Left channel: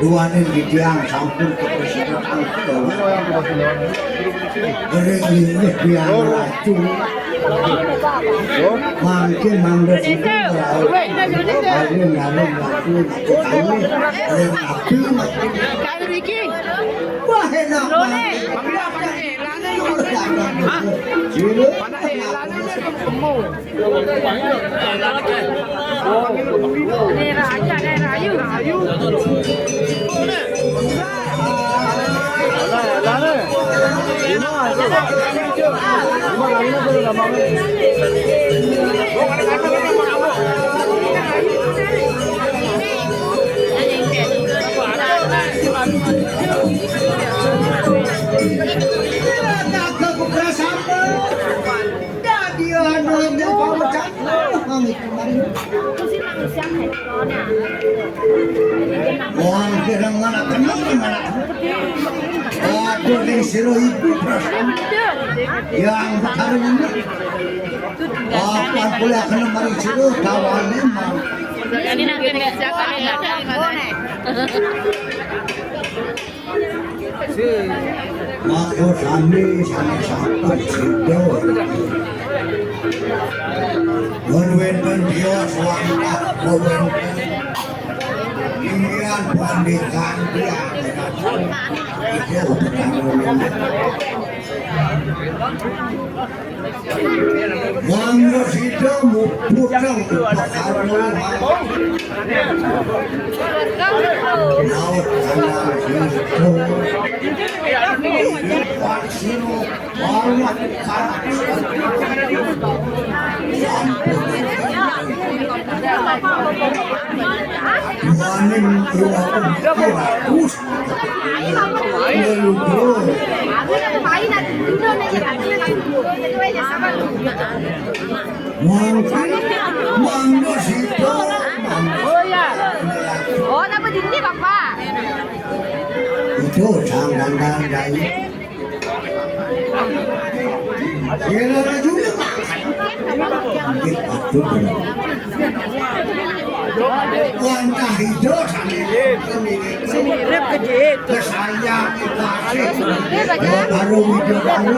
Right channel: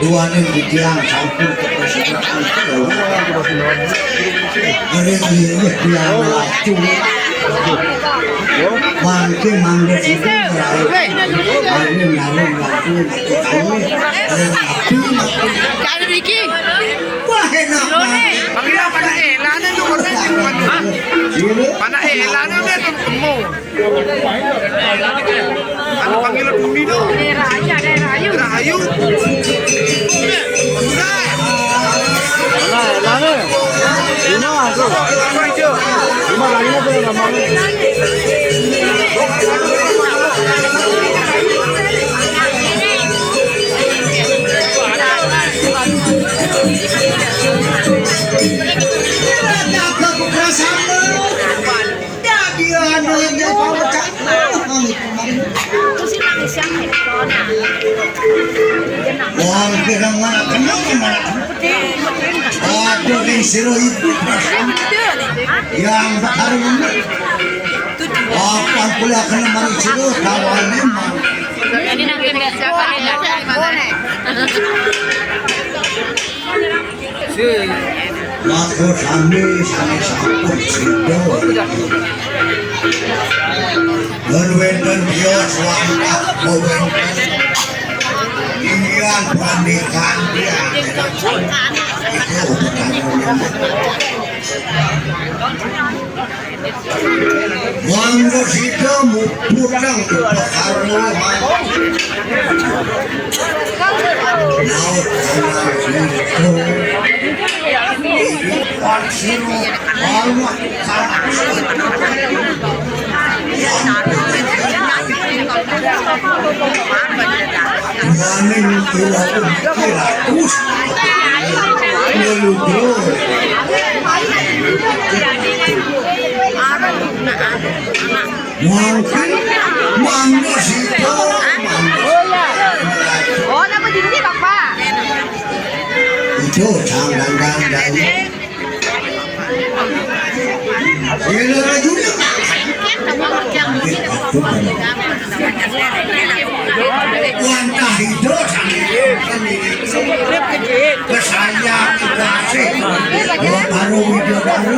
Dua nih dia campur ke persidangan ini dia maju makin manggil itu Kaya Ricky. Pangila pana elana no korna pana elana no temu. Ano pangila bumino? Rayu. Rayu. Wah, kira mana kenal mana? Aduh, di siru itu yang harum. Apa kuliah kena mari siru kawan memang. Ini nang Indonesia kan di mana? Aku sampai situ. Berweden dia selamat berweden. Inilah pernikahan dia. Itu Mangga situ mupukang perkaruan. Mangga situ. Oh, nama dini Bapak. Itu jangan. Ini juga. Langkah hidup kesayang baru hidup baru